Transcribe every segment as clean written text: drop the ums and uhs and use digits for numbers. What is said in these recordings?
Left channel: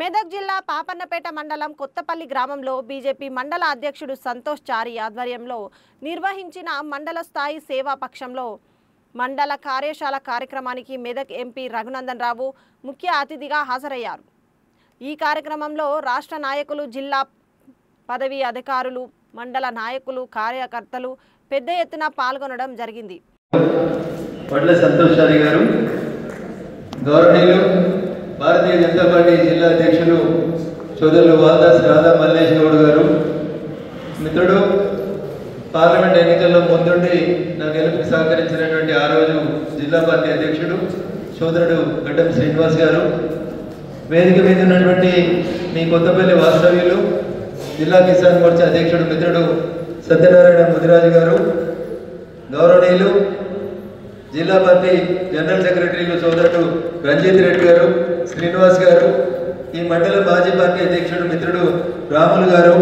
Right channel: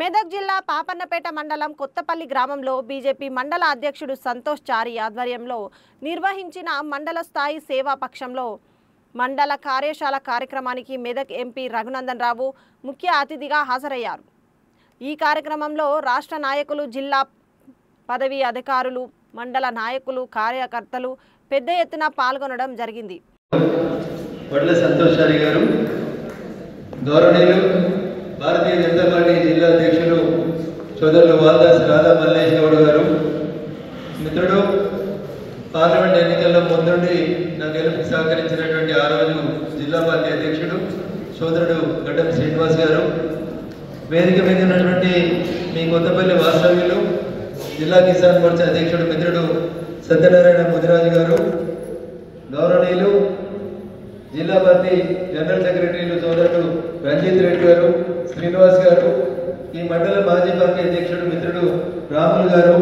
మెదక్ జిల్లా పాపన్నపేట మండలం కొత్తపల్లి గ్రామంలో బీజేపీ మండల అధ్యక్షుడు సంతోష్ చారి ఆధ్వర్యంలో నిర్వహించిన మండల స్థాయి సేవా పక్షంలో మండల కార్యశాల కార్యక్రమానికి మెదక్ ఎంపీ రఘునందన్ రావు ముఖ్య అతిథిగా హాజరయ్యారు. ఈ కార్యక్రమంలో రాష్ట్ర నాయకులు, జిల్లా పదవి అధికారులు, మండల నాయకులు, కార్యకర్తలు పెద్ద ఎత్తున పాల్గొనడం జరిగింది. భారతీయ జనతా పార్టీ జిల్లా అధ్యక్షులు సోదరులు వాల్దాస్ రాధా మల్లేష్ గౌడ్ గారు, మిత్రుడు పార్లమెంట్ ఎన్నికల్లో ముందుండి నా గెలుపుకి సహకరించినటువంటి ఆ రోజు జిల్లా పార్టీ అధ్యక్షుడు సోదరుడు గడ్డం శ్రీనివాస్ గారు, వేదిక మీద ఉన్నటువంటి మీ కొత్తపల్లి వాస్తవ్యులు జిల్లా కిసాన్ మోర్చా అధ్యక్షుడు మిత్రుడు సత్యనారాయణ ముదిరాజు గారు, గౌరవనీయులు జిల్లా పార్టీ జనరల్ సెక్రటరీలు సోదరుడు రంజిత్ రెడ్డి గారు, శ్రీనివాస్ గారు, ఈ మండల మాజీ పార్టీ అధ్యక్షుడు మిత్రుడు రాములు గారు,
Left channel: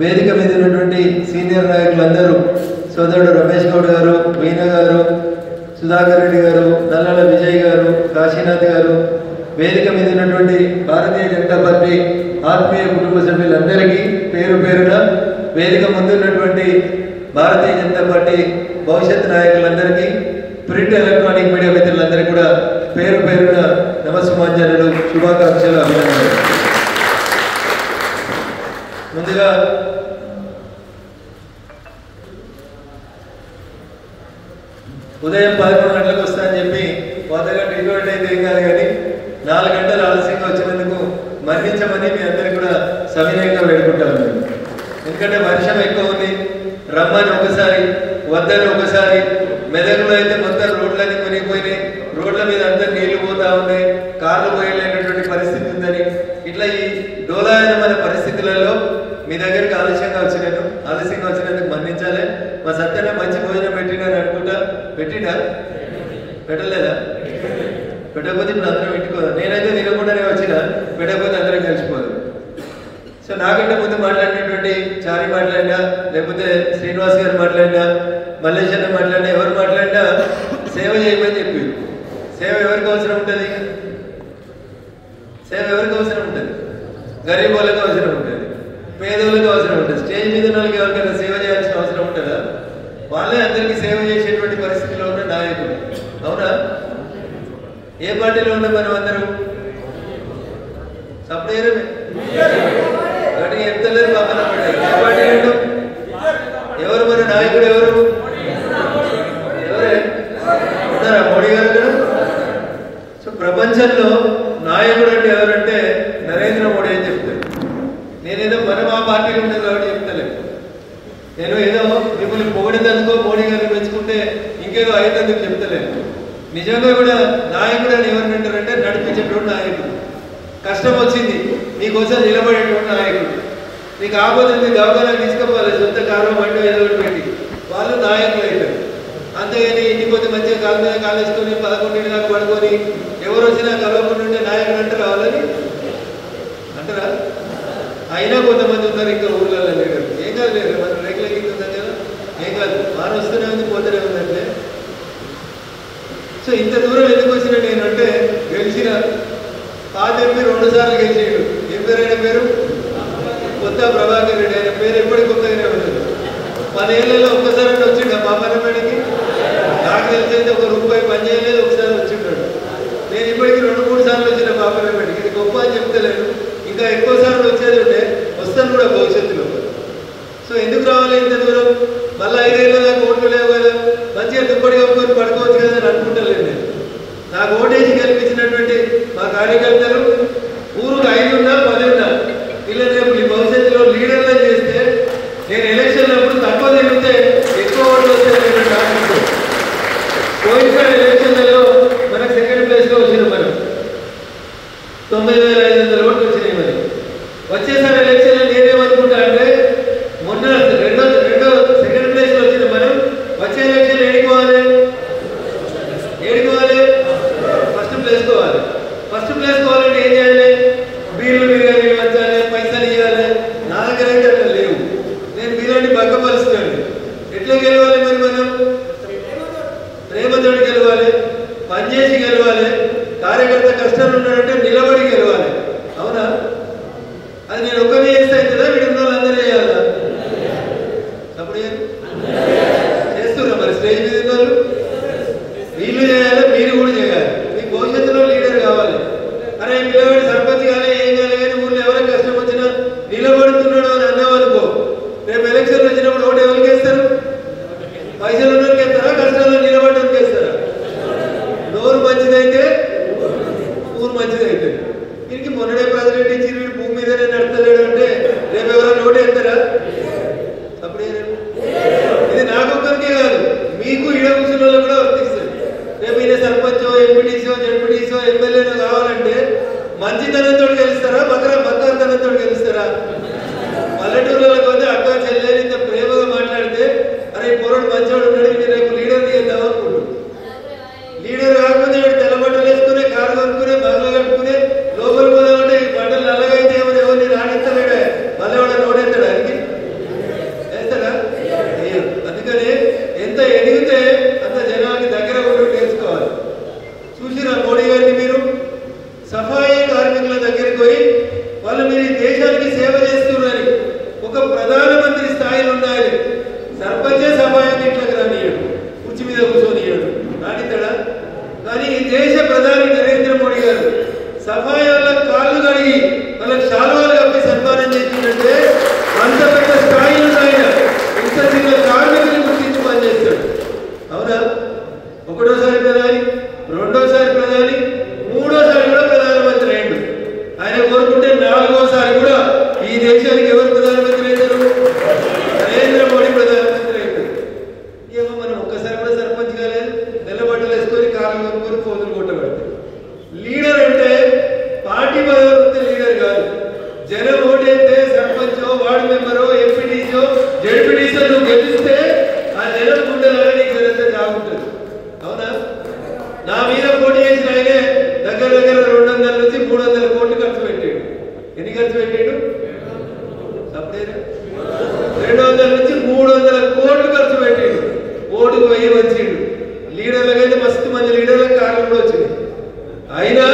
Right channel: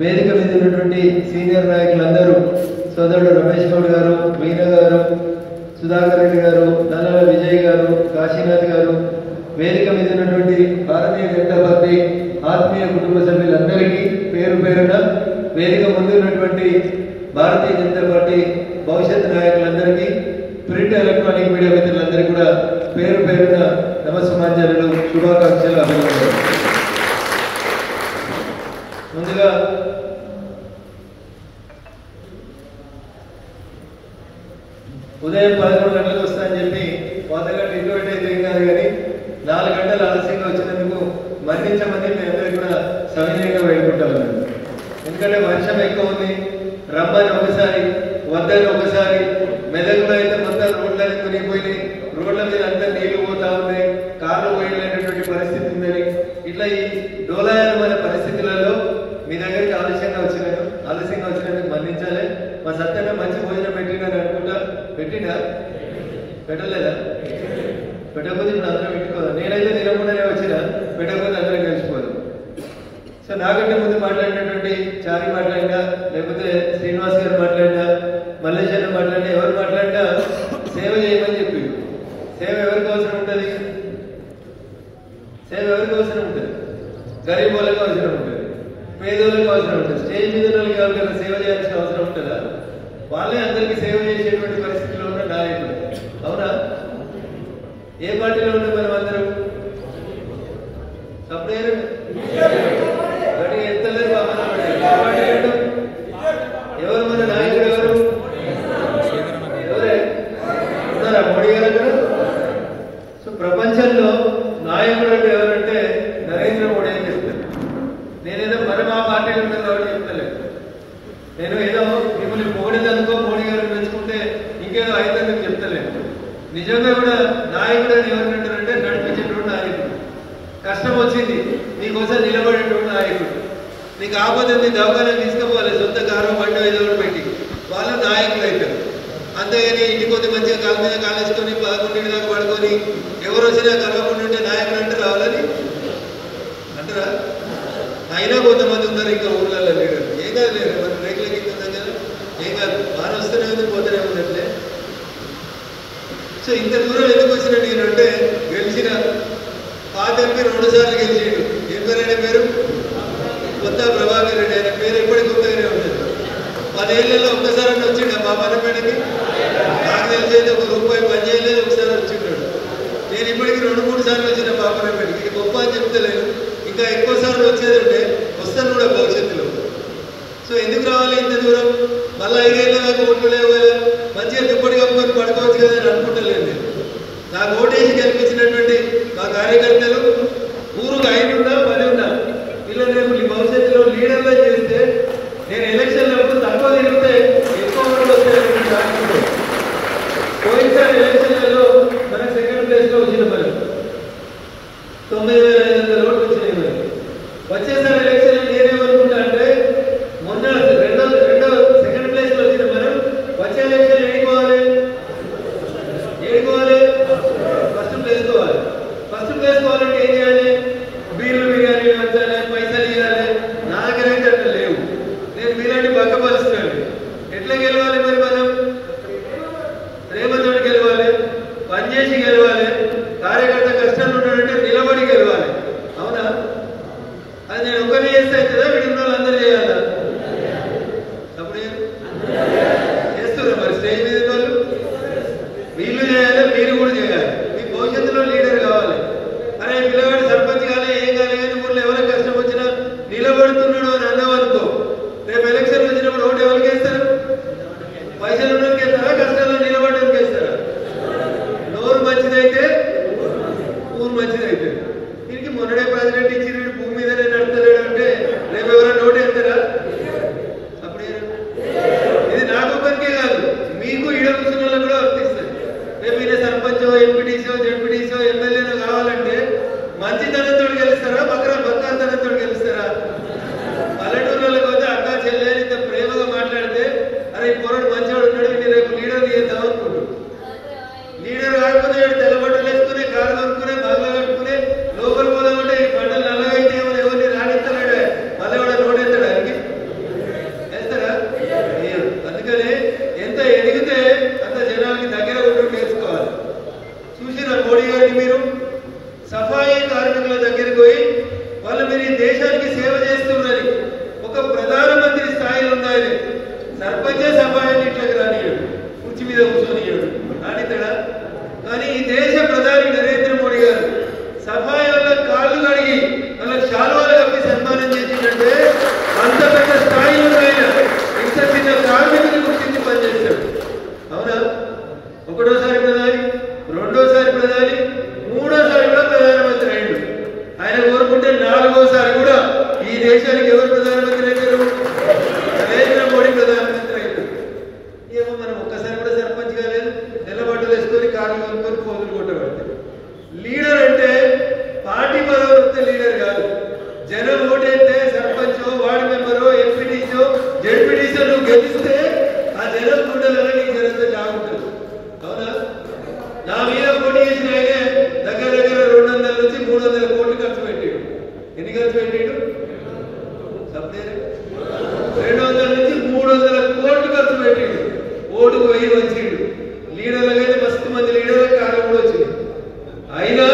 వేదిక మీద ఉన్నటువంటి సీనియర్ నాయకులందరూ సోదరుడు రమేష్ గౌడ్ గారు, మీనా గారు, సుధాకర్ రెడ్డి గారు, నల్లల విజయ్ గారు, కాశీనాథ్ గారు, వేదిక మీద ఉన్నటువంటి భారతీయ జనతా పార్టీ ఆత్మీయ కుటుంబ సభ్యులందరికీ పేరు పేరున, వేదిక ముందు ఉన్నటువంటి భారతీయ జనతా పార్టీ భవిష్యత్ నాయకులందరికీ, ప్రింట్ ఎలక్ట్రానిక్ మీడియా మిత్రులందరికీ కూడా పేరు పేరున నమస్కారాలు, శుభాకాంక్షలు, అభినందనలు. ముందుగా ఉదయం 11 గంటలకు వస్తానని చెప్పి 100 గంటలు ఇన్వైట్ అయితే ఏం కాదు, కానీ 4 గంటలు ఆలస్యంగా వచ్చినందుకు మన్నించమని మీ అందరికీ కూడా సవినయంగా వేడుకుంటాను. ఎందుకంటే వర్షం ఎక్కువ ఉంది, రమ్మని ఒకసారి, వద్దని ఒకసారి. మెదక్లో అయితే మొత్తం రోడ్లన్నీ మునిగిపోయినాయి, రోడ్ల మీద అందరు నీళ్లు పోతా ఉన్నాయి, కార్లు పోయలేనటువంటి పరిస్థితి ఉందని, ఇట్లా ఈ డోలాయనమైన పరిస్థితులలో మీ దగ్గరికి ఆలస్యంగా వచ్చినందుకు మన్నించాలి. మా సత్తనే మంచి భోజనం పెట్టినారు అనుకుంటా, పెట్టినా పెట్టలేదా? పెట్టకపోతే ఇప్పుడు అందరం పెట్టుకోదు. నేనైతే తినకుండానే వచ్చిన, పెట్టకపోతే అందరం కలిసిపోదు. సో నాకంటే ముందు మాట్లాడినటువంటి చారి మాట్లాడినా, లేకపోతే శ్రీనివాస్ గారు మాట్లాడినా, మల్లేష్ అన్న మాట్లాడినా, ఎవరు మాట్లాడినా సేవ చేయమని చెప్పి. సేవ ఎవరికి అవసరం ఉంటుంది? సేవ ఎవరికి అవసరం ఉంటుంది? గరీబ్ వాళ్ళకి అవసరం ఉంటుంది, పేదోళ్ళకి అవసరం ఉంటుంది. స్టేజ్ మీద వాళ్ళకి ఎవరికైనా సేవ చేయాల్సిన అవసరం ఉంటుందా? వాళ్ళే అందరికీ సేవ చేసేటువంటి పరిస్థితిలో ఉన్న నాయకులు. అవునా? ఏ పార్టీలో ఉన్న మనం అందరూ సపరేట్ కానీ ఎంతలేదు పక్కన పడ్డారు. ఏ పార్టీలో ఉంటాం? ఎవరు మన నాయకుడు? ఎవరు ఉన్నారా? మోడీ గారు కూడా. సో ప్రపంచంలో నాయకుడు అంటే ఎవరంటే నరేంద్ర మోడీ అని చెప్తారు. నేనేదో మనం ఆ పార్టీకి ఉంటుంది కాబట్టి చెప్తలేదు. నేను ఏదో మిమ్మల్ని పొగిడినందుకో, మోడీ గారిని పెంచుకుంటే ఇంకేదో అయినందుకు చెప్తలేదు. నిజంగా కూడా నాయకుడు అని ఎవరినంటారంటే నడిపించేటువంటి నాయకుడు. కష్టం వచ్చింది మీకోసం నిలబడేటువంటి నాయకుడు. మీకు ఆపదండి దవాఖానకు తీసుకుపోవాలి, సొంత కారు బండి ఏదో ఒకటి పెట్టి, వాళ్ళు నాయకులు అవుతారు. అంతేగాని ఇంటికి కొద్ది మంచిగా కాలు మీద కాలేసుకొని 11 దాకా పడుకొని ఎవరు వచ్చినా కలవకుండా ఉంటే నాయకుడు అంటారు. వాళ్ళని అంటారా? అయినా కొంతమంది ఉన్నారు ఇంకా ఊళ్ళల్లో లేరు. ఏం కాదు, లేదు మనం రేకుల కింద ఉందాం కదా, ఏం కాదు, వారు వస్తూనే ఉంది, పోతూనే ఉందంటే. సో ఇంత దూరం ఎందుకు వచ్చినా నేనంటే, గెలిచిన పాత ఎంపీ 2 సార్లు గెలిచాడు. ఏం పేరు అయిన పేరు? కొత్త ప్రభాకర్ రెడ్డి. ఆయన పేరు ఎప్పటికి కొత్తగానే ఉంటుంది. 10 ఏళ్లలో ఒక్కసారి వచ్చిండు ఆ పాపన్నపేటకి. నాకు తెలిసేది ఒక రూపాయి పని చేయలేదు, ఒకసారి వచ్చింటాడు. నేను ఇప్పటికి 2-3 సార్లు వచ్చిన పాపన్నపేటకి. ఇది గొప్ప అని చెప్తలేదు, ఇంకా ఎక్కువ సార్లు వచ్చేది ఉంటే వస్తాను కూడా భవిష్యత్తులో. సో ఎందుకు రావాలి ఇంత దూరం? మళ్ళీ 5 ఏళ్ళ దాకా ఓట్లు లేవు కదా, మంచిగా దుప్పటి కప్పుకొని పడుకోవచ్చు కదా అని అనుకుంటలేదు నేను. నాకు ఓటేసి కల్పించినటువంటి మా కార్యకర్తలు ఊరుకు 5 ఉన్నా 10 ఉన్నా వీళ్ళని రేపు భవిష్యత్తులో లీడర్గా చేస్తే, నేను ఎలక్షన్లో అప్పుడు తక్కువ తిరిగితే ఎక్కువ ఓట్లు వస్తాయి. పోయినసారి ఎలక్షన్లలో మనకు సెకండ్ ప్లేస్లో వచ్చింది. మనం 9,500 ఓట్లు వచ్చినాయి. మరి వచ్చేసారి ఎలక్షన్లో నేనేమనుకుంటా అంటే, మొన్న రెండో సెకండ్ ప్లేస్లో వచ్చిన మనం వచ్చే ఎలక్షన్లో ఏడుకోవాలి, ఫస్ట్ ప్లేస్ కోవాలి. ఫస్ట్ ప్లేస్ కావాలంటే ఏం చేయాలి? బీర్లు బిర్యానీ పంచాలి, పైసలు ఇవ్వాలి. నా దగ్గర అయితే అట్లా లేవు. నేను మీలాంటి పక్కపరుస్తున్నాను. ఎట్లా గెలవాలి మరి? మనం ప్రేమతోటి గెలవాలి, పనిచేసి గెలవాలి. కార్యకర్త కష్టాలు ఉన్నాడంటే నిలబడి గెలవాలి. గెలుస్తారా బక్కాంతనంతో గెలుస్తారా? పల్లెటూర్లలో పోతే అక్క చెల్లెలు ఇంత ప్రేమగా మాట్లాడితే అరే పొరడు మంచివాడు ఉన్నాడు రేపు లీడర్ తీద్దాం అనుకుంటాడు. లీడర్ కాకపోతే తెల్లబట్టలు వేసుకుని కారు కొనుక్కునే బంగ్లా కట్టుకుని లోపలికి పోదామంటే ఈ బట్టలు నల్లగైతే ఏమైనా ఎవరిని రాణిస్తలేడే మళ్ళీ వాడు రోడెత్తాడు ఆయనకి వేస్తాడా? అందుకని ఎంత ఎదిగితే అంత జనానికి దగ్గర ఉండి నేర్చుకోవాలి. చూసిరా మోడీ గారిని మీరు సఫాయి కార్మికుల దగ్గరికి పోయి వాళ్ళు మీరు ఈ దేశానికి సేవ చేస్తున్నారని ఒక ప్రధానమంత్రి స్థాయిలో ఉన్నాయని సర్పంచే సఫాయాన్ని ఇట్లా రానియడు, కుర్చీ మీద కూర్చొనియడు, రానిస్తాడా? కానీ ఈ దేశ ప్రధాని నరేంద్ర మోడీ గారు సఫాయి వాళ్ళ కాళ్ళు కడిగి వాళ్ళకి శాలువాలు కప్పి సన్మానం చేసిందంటే అంత పెద్ద స్థాయిలో ఆయన ఇంత చిన్న కార్మికులు గుర్తించి పనిచేస్తాడు. అవునా? ఒకటోసారి ప్రధాని, రెండోసారి ప్రధాని, మూడోసారి కూడా ప్రధానమంత్రి అయ్యాడు. ఆయన కోరుకుంటే నాలుగోసారి కూడా ఈ దేశానికి ఎవరు ప్రధానమంత్రి అయ్యారు? నరేంద్ర మోడీ ప్రధానమంత్రి అయ్యాడు. ఏమో మనం ఒక్కసారి కూడా సర్పంచ్ కాలేదు, నెల్లబట్టలు వేసుకొని కార్లు కొనుక్కొని పోతులు కొట్టబడతాయి. లీడర్ అంటే పార్టీ పదవి లీడర్ కాదు. జనం ఓటేస్తే సర్పంచో వార్డు మెంబరో ఎంపీటీసో జడ్పీటీసో నువ్వు గెలిస్తే ఆ జనం గుండెలలో నీకు జనంత జాగుంటుంది. అవునా? నా మీద పోటీ చేసిన ఆయనే దగ్గర 200 నుంచి 300 కోట్లు ఖర్చు పెట్టాడు. ఎన్ని ఖర్చు పెట్టాడు? 200 నుంచి 300 కోట్లు ఖర్చు పెట్టాడు. ఓటుకు 1000 వచ్చిండు. లీడర్లకైతే మస్తు మంది లీడర్లకు కాలం కూడా వచ్చింది. అయినా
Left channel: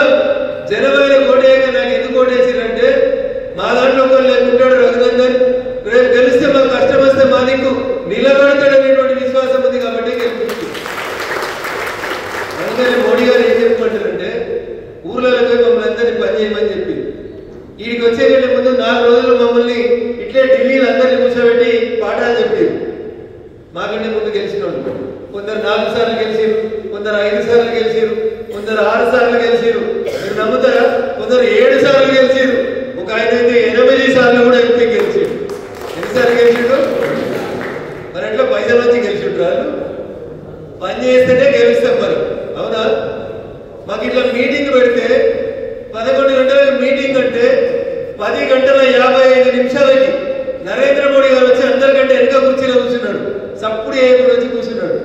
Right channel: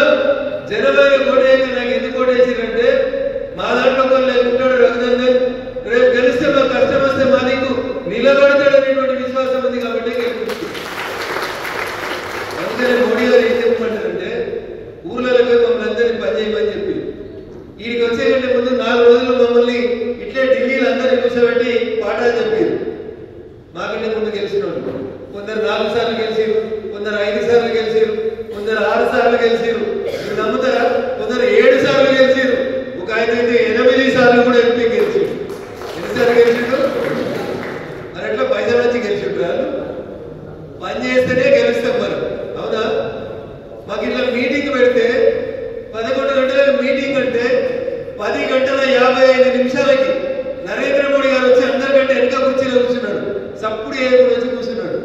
జనవరి కోటేక నాకు ఎందుకు ఓటేసిందంటే మా దాంట్లో ఒకరు లేకుంటాడు రఘునందన్, రేపు గెలిస్తే మాకు కష్టం వస్తే మా దిక్కు నిలబడతాడు అనేటువంటి విశ్వాసం ఉంది కాబట్టి గెలిపిస్తుంది. అందుకని మోడీ గారు ఏం చెప్తున్నారంటే ఊర్లలో పోయి మమ్మల్ని అందరినీ పనిచేయమని చెప్పి వీడికి వచ్చే ముందు 4 రోజులు మమ్మల్ని ఇట్లే ఢిల్లీలో అందరినీ కూర్చోబెట్టి పాఠాలు చెప్పారు. మాకంటే ముందు గెలిచిన వాళ్ళు కొందరు 4 సార్లు గెలిచారు, కొందరు 5 సార్లు గెలిచారు, కొందరు 6 సార్లు గెలిచారు. మీరు నమ్ముతారా? కొందరు 7 సార్లు గెలిచారు. ఒక ఆయన అయితే 8 సార్లు కూడా ఎంపీ గెలిచారు. ఎన్నిసార్లు గెలిచిండు? మరి ఎట్లా పైసలు వచ్చి గెలిచిండ్రు? వాళ్ళు పని చేస్తేనే గెలుస్తాం మరి. అవునా? మాకు ఇట్లా మీటింగ్ పెడితే 11 గంటలకు మీటింగ్ అంటే 10 గంటల 55 నిమిషాలకి నరేంద్ర మోడీ గారు వచ్చి అందరికంటే వెనక కుర్చీలో కూర్చున్నాడు. సప్పుడు ఏమి వచ్చి కూర్చున్నాడు.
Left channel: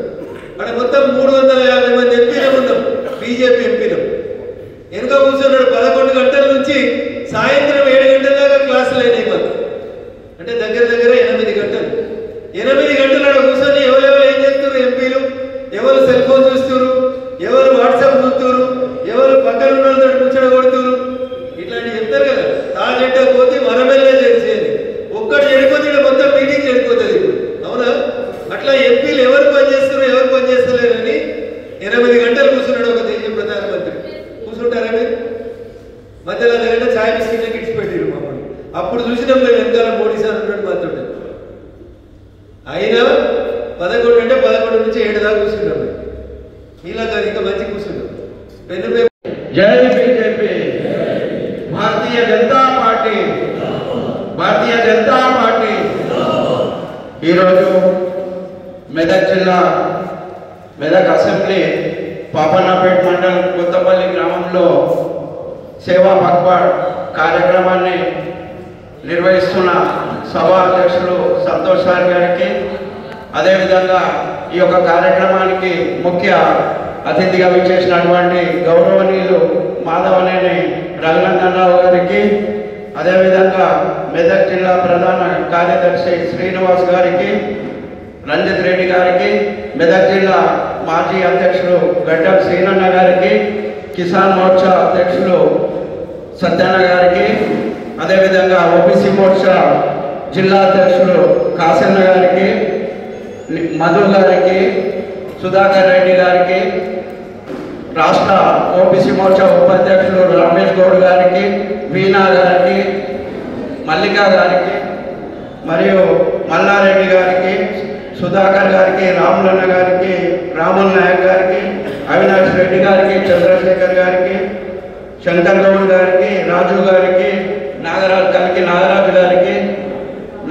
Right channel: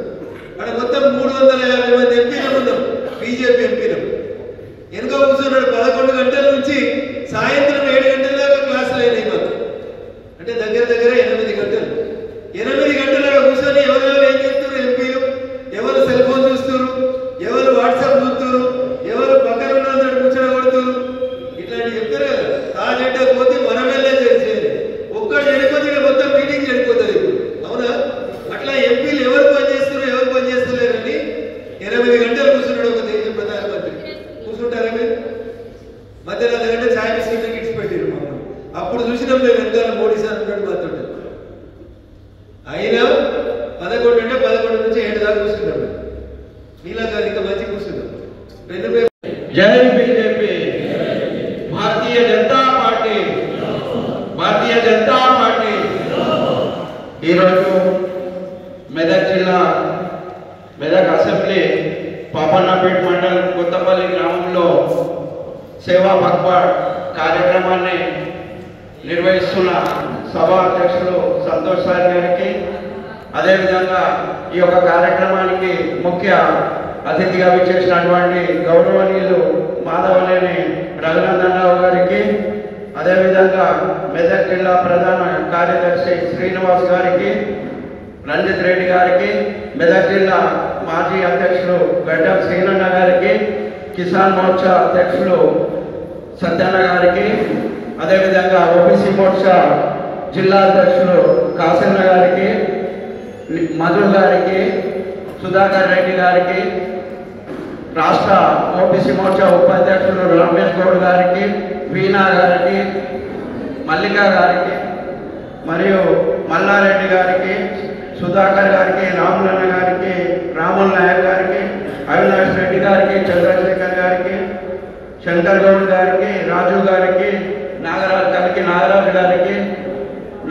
అక్కడ మొత్తం 350 మంది ఎంపీలు ఉన్నాం, బీజేపీ ఎంపీలు. వెనుక కూర్చున్నాడు. 11 గంటల నుంచి సాయంత్రం 7 గంటల దాకా క్లాసులు అయినాయి మాకు. అంటే దగ్గర 8 గంటలు. 8 గంటల కూర్చొని ఎవరెవరు ఏం చేస్తున్నారు? ఎంపీలు ఎవరు సెల్ ఫోన్ చూస్తున్నారు, ఎవరు వాట్సాప్ చూస్తున్నారు, ఎవరు పక్కన ఉన్న కూర్చొని కొడుతున్నారు. ఇట్లాంటి చెప్తారు కదా. తాజెంటే పోతే మనమెల్లే చేసేది. ఒక్కడు చెడిపోతే మొత్తం మీటింగ్ చెడిపోతుంది. అవునా? అట్లా ఎంపీలు ఎవరు పనిచేస్తున్నారు ఎవరు పనిచేస్తలేరని 8 గంటలు కూర్చున్నాడు ఒక దేశ ప్రధానమంత్రి. కూర్చుంటారా మీరు? మధ్యలో అర్ధగంట ఛాయ్ బిస్కెట్ ఇచ్చిపెట్టారు మమ్మల్ని. అప్పుడు చూసినాం మేము వెనకాల మోడీ సార్ ఉన్నాడు మాతో. అయినా 11 అంటే 11 నుంచి 7 దాకా కూర్చున్నాడు. ఇలా కాదు, ఇంకా మంచి కూర్చున్నాడు. జై BJP, Bharatiya Janata party, Bharatiya Janata party. ఈరోజు మెదక్ జిల్లా మెదక్ అసెంబ్లీ పాపన్నపేట మండలం కొత్తపల్లి గ్రామంలో సేవా పఖ్వాడ్ కార్యక్రమాన్ని నిర్వహిస్తున్న సభా అధ్యక్షులు సంతోష్ సార్ గారికి, అదేవిధంగా ఈ యొక్క కార్యక్రమానికి ముఖ్య అతిథిగా విచ్చేసినటువంటి గౌరవనీయులు మాధవనేని రఘునందనరావు గారికి, అదేవిధంగా మెదక్ జిల్లా ప్రధాన కార్యదర్శి శ్రీనివాస్ గారికి, రంజిత్ రెడ్డి గారికి, మెదక్ జిల్లా మాజీ అధ్యక్షులు గడ్డం శ్రీనన్న గారికి, కిసాన్ మోర్చా అధ్యక్షులు సత్యన్న గారికి, అదేవిధంగా ఓబీసీ మోర్చా జిల్లా అధ్యక్షులు కాసన్న గారికి, మధు గారికి, సుధాకర్ రెడ్డి గారికి, రాష్ట్ర ఓబీసీ మోర్చా ఉపాధ్యక్షులు రమేష్ గౌడ్ గారికి, వీణా గారికి, మల్లికా గారికి, మరియు మల్లారెడ్డి గారికి, సుధాకర్ గారికి, రాములన్న గారికి, రాముల్ నాయక్ గారికి, అవినాష్ రెడ్డి గారికి, చంద్రశేఖర్ గారికి, శంకర్ గౌడ్ గారికి, రాజు గారికి, నాగరాజు గారికి,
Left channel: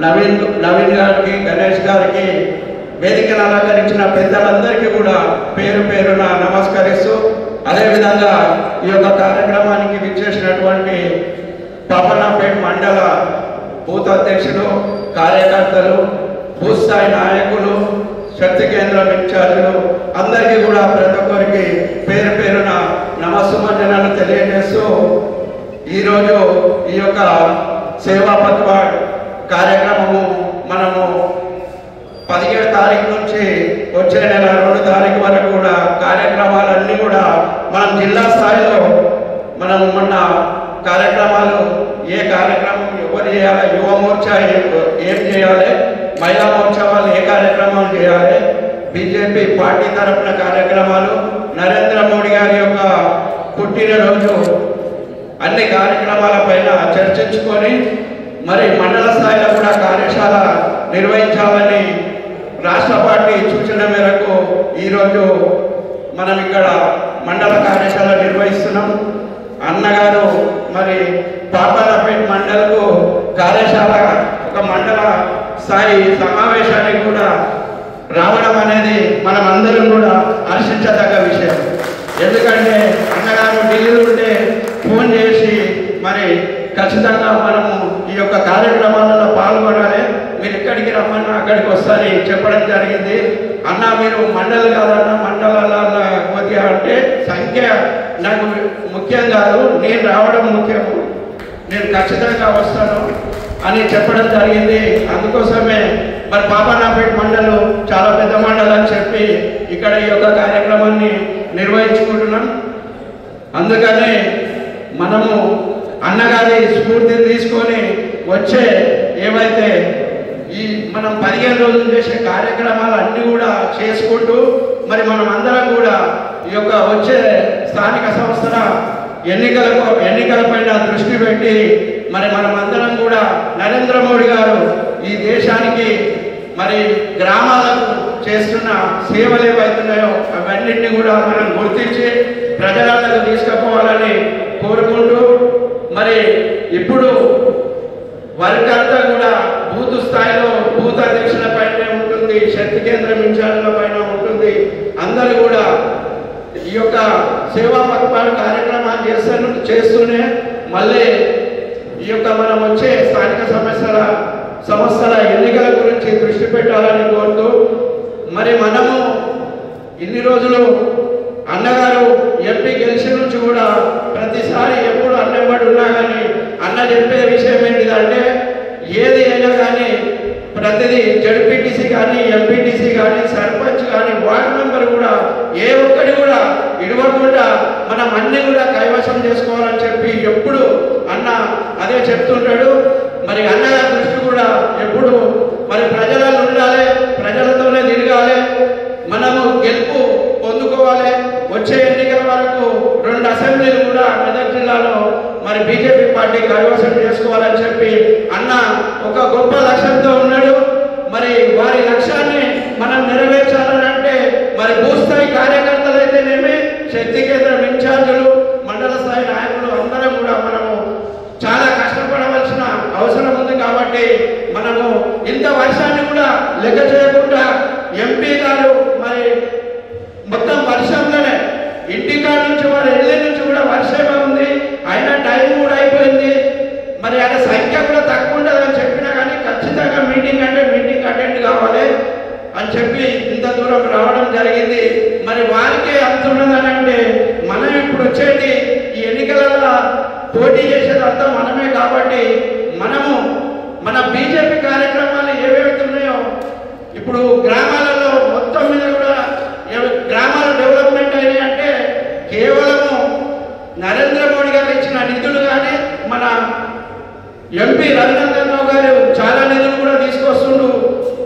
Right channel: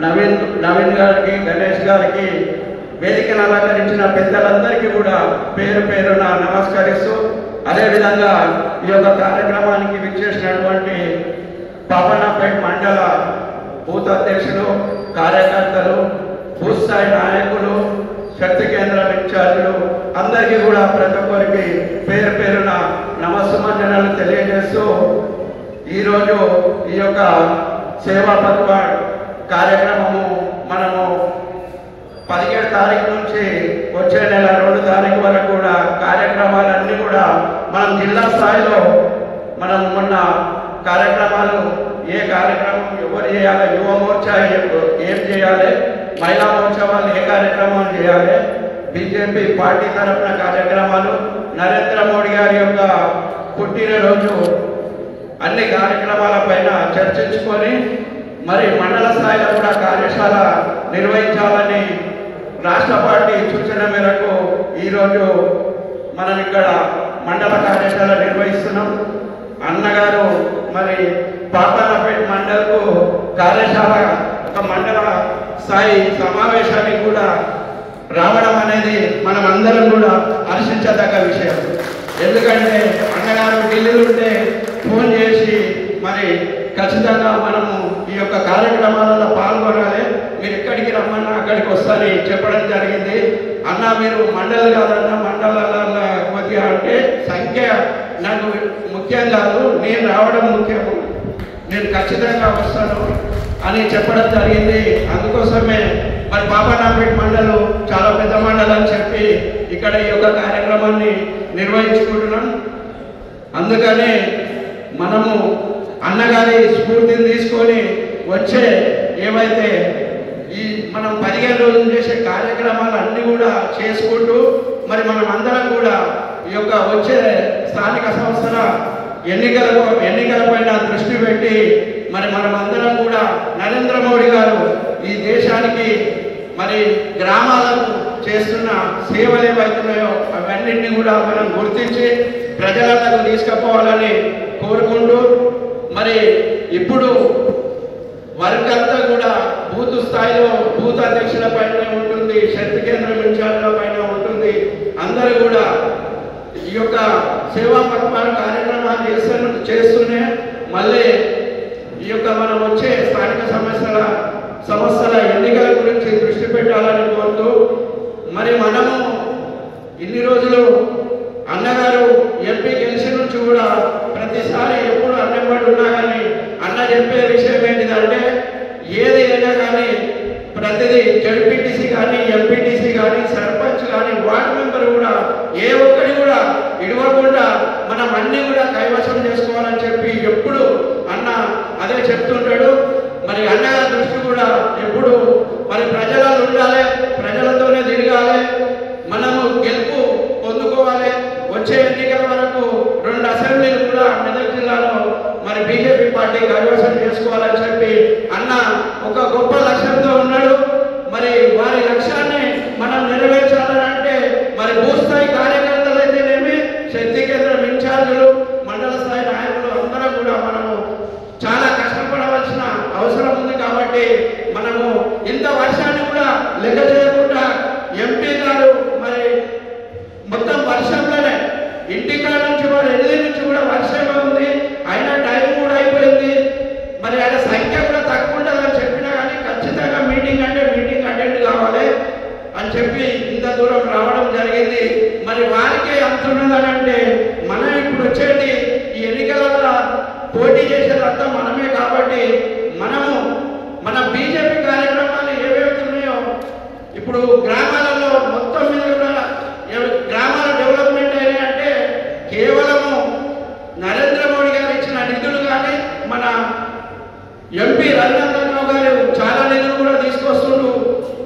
నవీన్ గారికి, గణేష్ గారికి, వేదికను అలంకరించిన పెద్దలందరికీ కూడా పేరు పేరున నమస్కరిస్తూ, అదేవిధంగా ఈ యొక్క కార్యక్రమానికి విచ్చేసినటువంటి పాపన్నపేట మండల బూత్ అధ్యక్షులు, కార్యకర్తలు, బూత్ స్థాయి నాయకులు, శక్తి కేంద్రం ఇన్ఛార్జీలు అందరికీ కూడా ప్రతి ఒక్కరికి పేరు పేరున నమస్సుమంజనాలు తెలియజేస్తూ ఈరోజు ఈ యొక్క సేవా పత్వ కార్యక్రమము మనము 17 తారీఖు నుంచి వచ్చే నెల 2 తారీఖు వరకు కూడా కార్యక్రమాలన్నీ కూడా మనం జిల్లా స్థాయిలో మనం మొన్న కార్యక్రమాలు ఏ కార్యక్రమం ఎవరు చేయాలి, యువ మోర్చా ఏం చేయాలి, మహిళా మోర్చా వాళ్ళు ఏ కార్యక్రమం చేయాలి, బీజేపీ పార్టీ తరఫున కార్యక్రమాలు, నరేంద్ర మోడీ గారి యొక్క పుట్టినరోజు అన్ని కార్యక్రమాలపైన చర్చించుకొని మరి మండల స్థాయిలో కూడా కార్యశాల నిర్వహించాలని రాష్ట్ర పార్టీ సూచన మేరకు ఈరోజు మనం ఇక్కడ మండల కార్యశాల నిర్వహిస్తున్నాం. అన్నగారు మరి పాపన్నపేట మండలకు కార్యశాల ఒక మండల స్థాయి సమావేశానికి కూడా రావడం అనేది మనం అందరం కూడా హర్షించదగ్గ విషయం. ఎందుకంటే అన్నగారు ఢిల్లీలో ఉంటే ఫోన్ చేసి మరి ఖచ్చితంగా మనము ఈ యొక్క కార్యక్రమాలలో పాల్గొనాలి, మీరు ఎక్కడికి రమ్మన్నా అక్కడికి వస్తారని చెప్పడం జరిగింది. అన్న మీరు మండలి కాదన్నా మండలాల కొద్దిగా అంటే సంఖ్య నాకు ముఖ్యం కాదు, నేను రావడం ముఖ్యం, నేను ఖచ్చితంగా వస్తాను అని చెప్పడం జరిగింది. అందుకోసమే మరి పాపన్నపేట మండలం చాలా పెద్ద మండలం అని చెప్పి ఇక్కడ ఈ యొక్క కార్యక్రమాన్ని నిర్వహించుకుంటున్నాం. అందుకని మనము అన్నగారి స్ఫూర్తిని తీసుకొని వచ్చే ఏమైతే ఈ మనం 15 రోజులు చేసే కార్యక్రమాలు అన్నీ కూడా చేసుకుంటూ మరి మనం అందరం కూడా ఈ యొక్క వచ్చే స్థానిక సంస్థల ఎన్నికలపైన దృష్టి పెట్టి మరి మనం అందరం కూడా నరేంద్ర మోడీ గారు ఈ దేశానికి మరి గ్రామాలకు చేస్తున్న సేవలు ఏవైతున్నాయో అవన్నింటినీ కూడా మనం గుర్తించి ప్రజలకు తీసుకుపోవాలని కోరుకుంటూ మరి ఇప్పుడు వర్క్ అంతా కూడా బూత్ స్థాయిలో బూత్ అధ్యక్షుల పైన ఉంటుంది, శక్తి కేంద్రం ఇన్ఛార్జ్ల పైన ఉంటుంది. అందరూ కూడా ఈ యొక్క సేవా పథకాలు కార్యక్రమాలు చేస్తూనే మళ్ళీ ఈ యొక్క మనం వచ్చే స్థానిక సంస్థల ఎన్నికల గురించి దృష్టి పెట్టాలని కోరుతూ మరి మనము ఇన్ని రోజులు అన్నగారు ఎంపీ గెలిచిన నుంచి కూడా ప్రతిసారి ఎప్పుడు అన్నమాట ఉన్నా కానీ అన్న చెప్పే విషయం ఏంటిదంటే ఏది అయినా కానీ ప్రతిదీ జడ్పీటీసీ కానీ ఎంపీటీసీ కానీ సర్పంచ్ కానీ వార్డు మెంబర్ కూడా ఏ ఒక్కటి కూడా ఇడవకుండా మనం అన్ని కూడా కైవసం చేసుకోవాలని చెప్పి ఎప్పుడు అన్న అదే చెప్తుంటాడు. మరి అన్నగారి దృష్టి కూడా ఎప్పుడు మరి ప్రజలలో ఉండాలి, ప్రజలతోనే తిరగాలి, మనము గెలుపు పొందుకోవాలి. వచ్చే ఎన్నికల వరకు 2 అసెంబ్లీలు కూడా మెదక్ జిల్లాలో మరి బీజేపీ పార్టీ కైవసం చేసుకోవాలని చెప్పి అన్న ఒక గొప్ప లక్ష్యంతో ఉన్నాడు. మరి వారి లక్ష్యాన్ని మనం నెరవేర్చాలని అంటే మరి భూస్థాయి కార్యకర్తలు అయితేనేమి, శక్తి కేంద్రం ఇన్ఛార్జీలు, మండల స్థాయి నాయకులు అందరం కూడా మనము చాలా కష్టపడవలసిన అవసరం ఉంది. కాబట్టి మనము ఇంత వర్షాన్ని కూడా లెక్క చేయకుండా ఎంపీ గారు మరి మొత్తం వర్షంలోనే ఇంటికాడ నుంచి మరి ఎల్లి నుంచి కూడా వర్షమే ఉంది, అయినా టైం కూడా అయిపోయింది. మరి అక్కడ సంఖ్య కూడా తక్కువ ఉంటుందని చెప్పినా కానీ ఖచ్చితంగా మీటింగ్ అంటే మీటింగ్ అటెండ్ కావాలి అని చెప్పి ఇంత దూరం రావడం జరిగింది. మరి వారికే అంతున్నదని అంటే మనం ఇప్పుడు వచ్చేది ఈ ఎన్నికలలో పోటీ చేసేదంతా మనమే. కాబట్టి మనము మన బీజేపీ కార్యక్రమాలు ఏవైతున్నాయో ఇప్పుడు గ్రామాలలో మొత్తం మీద కూడా గ్రామాల డెవలప్మెంట్ అయినాయంటే కేవలము నరేంద్ర మోడీ గారు ఇచ్చిన నిధులు కానీ మన ఎంపీ రఘునందన్ రావు గారు చాలా నిధులు కూడా తీసుకొస్తుండ్రు.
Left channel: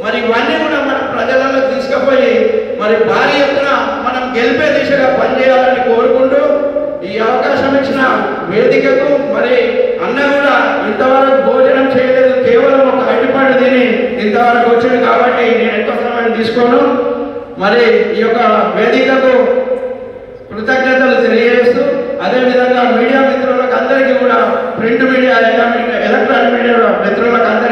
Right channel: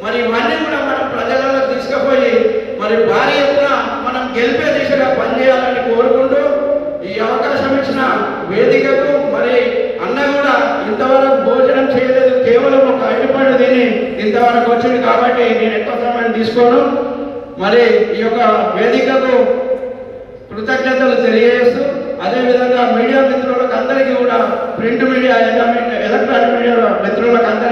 మరి ఇవన్నీ కూడా మనం ప్రజలలో తీసుకుపోయి మరి భారీ ఎత్తున మనం గెలిపే దిశగా పనిచేయాలని కోరుకుంటూ ఈ అవకాశం ఇచ్చిన వేదికకు మరి అన్న కూడా ఇంతవరకు భోజనం చేయలేదు, కేవలం ఒక అడ్డిపండు తిని ఇంతవరకు వచ్చింది. కాబట్టి నేను ఎక్కువ సమయం తీసుకోను. మరి ఈ యొక్క వేదికకు కృతజ్ఞతలు తెలియజేస్తూ అదేవిధంగా మీడియా మిత్రులకు అందరికీ కూడా ప్రింట్ మీడియా ఎలక్ట్రానిక్ మీడియా మిత్రులకు అందరికీ